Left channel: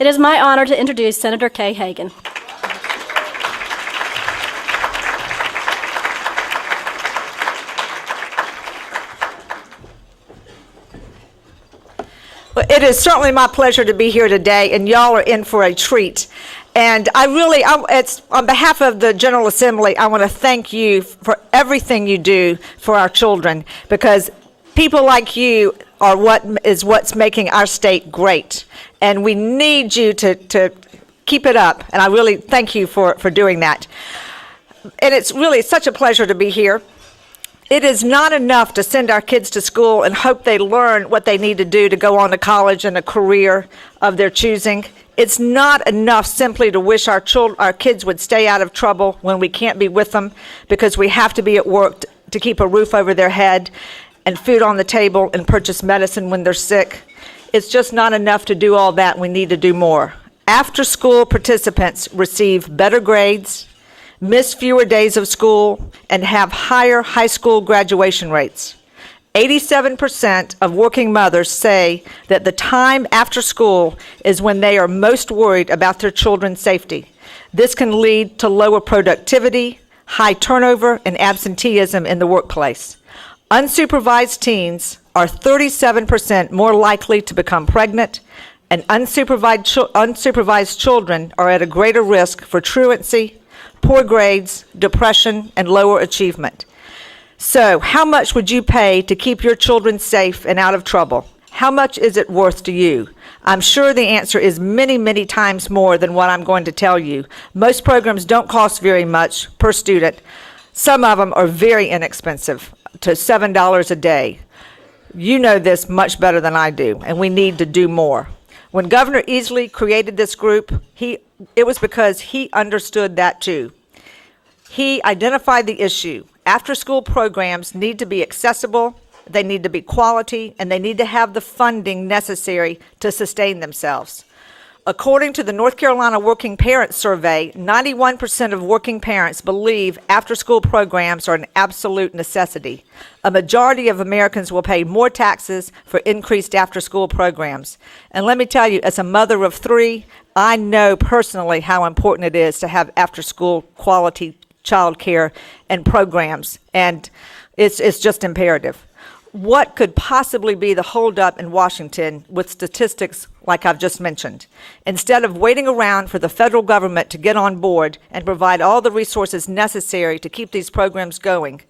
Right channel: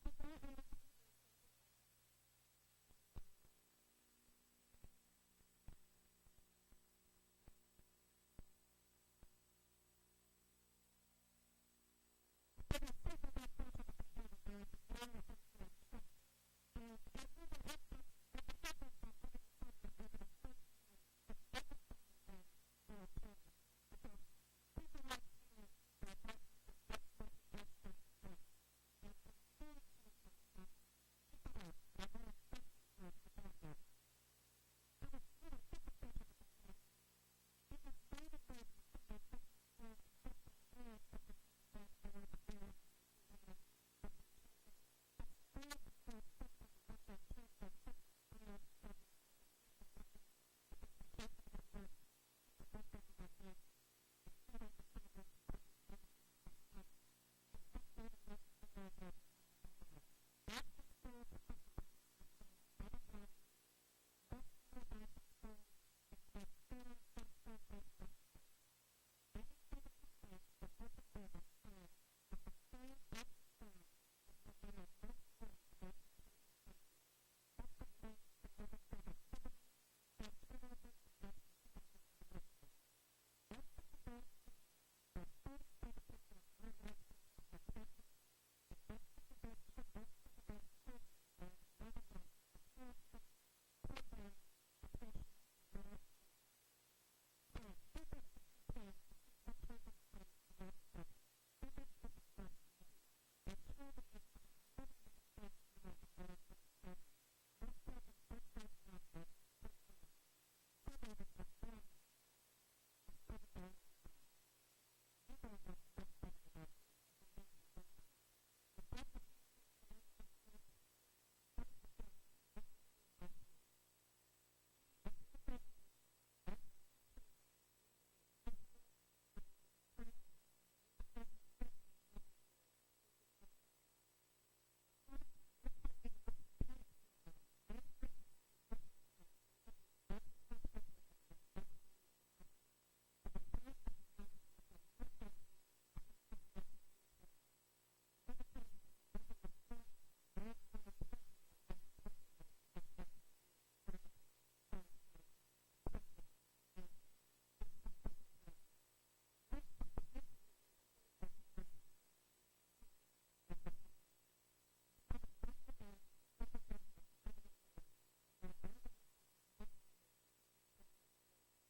It is my honor to introduce Senator Kay Hagan. Well, it is certainly my pleasure to be here today, and y'all are in for a treat. And it's on behalf of the General Assembly, I want to thank you for everything you do for our children, because people like you are what's making our state great. And we need you to keep it up, and I really thank you for doing that. And it's really such a pleasure to be here. It is not enough to send our kids to school and hope they learn what they need to do to go on to college and a career of their choosing. It's not enough simply to wish our kids would stay out of trouble when we can't be with them because we have to be at work to keep a roof over their head and food on the table and purchase medicine when they're sick. It's just not enough to do all that. We need to do more. After-school participants receive better grades, miss fewer days of school, and have higher high school graduation rates. 87% of working mothers say that the time after school is when they are most worried about their children's safety. This can lead to lower productivity, high turnover, and absenteeism in the workplace. Unsupervised teens are 37% more likely to become pregnant, and unsupervised children are at a greater risk for truancy, poor grades, depression, and lower achievement. So, how much would you pay to keep your children safe and out of trouble? How much is it worth to you? I'm sure the answer is many, many times more than what I'm going to tell you. Most programs don't cost very much per student. Some of them are very inexpensive, to $7 a day. You know this much better than I do, and we need to do more. When Governor Easley created this group, it was because he understood that too. He identified the issue. After-school programs need to be accessible, they need to be quality, and they need to have the funding necessary to sustain themselves. According to the North Carolina Working Parents Survey, 91% of working parents believe after-school programs are an absolute necessity. A majority of Americans will pay more taxes for increased after-school programs. And let me tell you, as a mother of 3, I know personally how important it is to have after-school quality child care and programs, and it's just imperative. What could possibly be the holdup in Washington with statistics like I've just mentioned? Instead of waiting around for the federal government to get on board and provide all the resources necessary to keep these programs going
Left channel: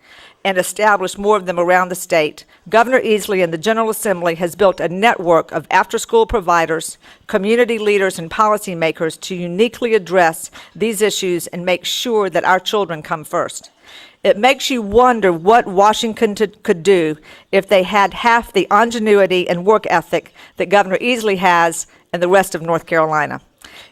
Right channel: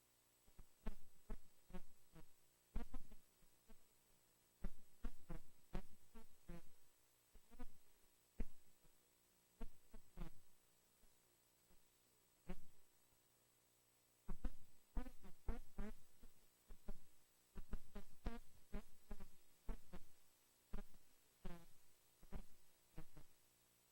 and establish more of them around the state, Governor Easley and the General Assembly has built a network of after-school providers, community leaders, and policymakers to uniquely address these issues and make sure that our children come first. It makes you wonder what Washington could do if they had half the ingenuity and work ethic that Governor Easley has and the rest of North Carolina.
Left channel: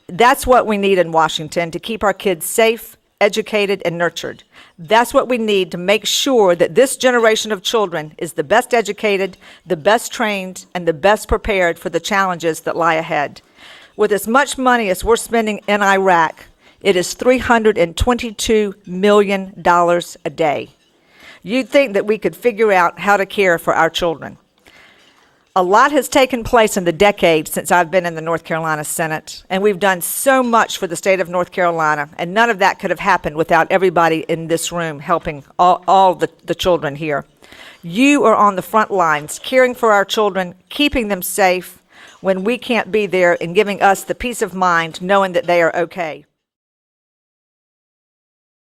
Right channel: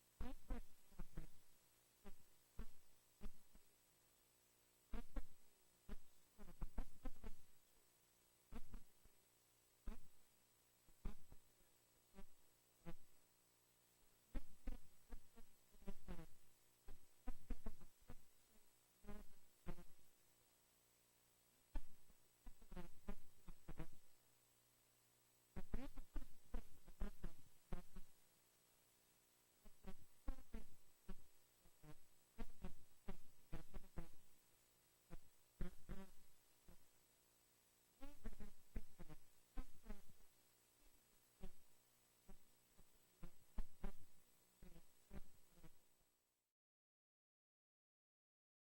That's what we need in Washington to keep our kids safe, educated, and nurtured. That's what we need to make sure that this generation of children is the best educated, the best trained, and the best prepared for the challenges that lie ahead. With as much money as we're spending in Iraq, it is $322 million a day. You'd think that we could figure out how to care for our children. A lot has taken place in the decade since I've been in the North Carolina Senate, and we've done so much for the state of North Carolina, and none of that could have happened without everybody in this room helping all the children here. You are on the front lines, caring for our children, keeping them safe when we can't be there, and giving us the peace of mind knowing that they are okay.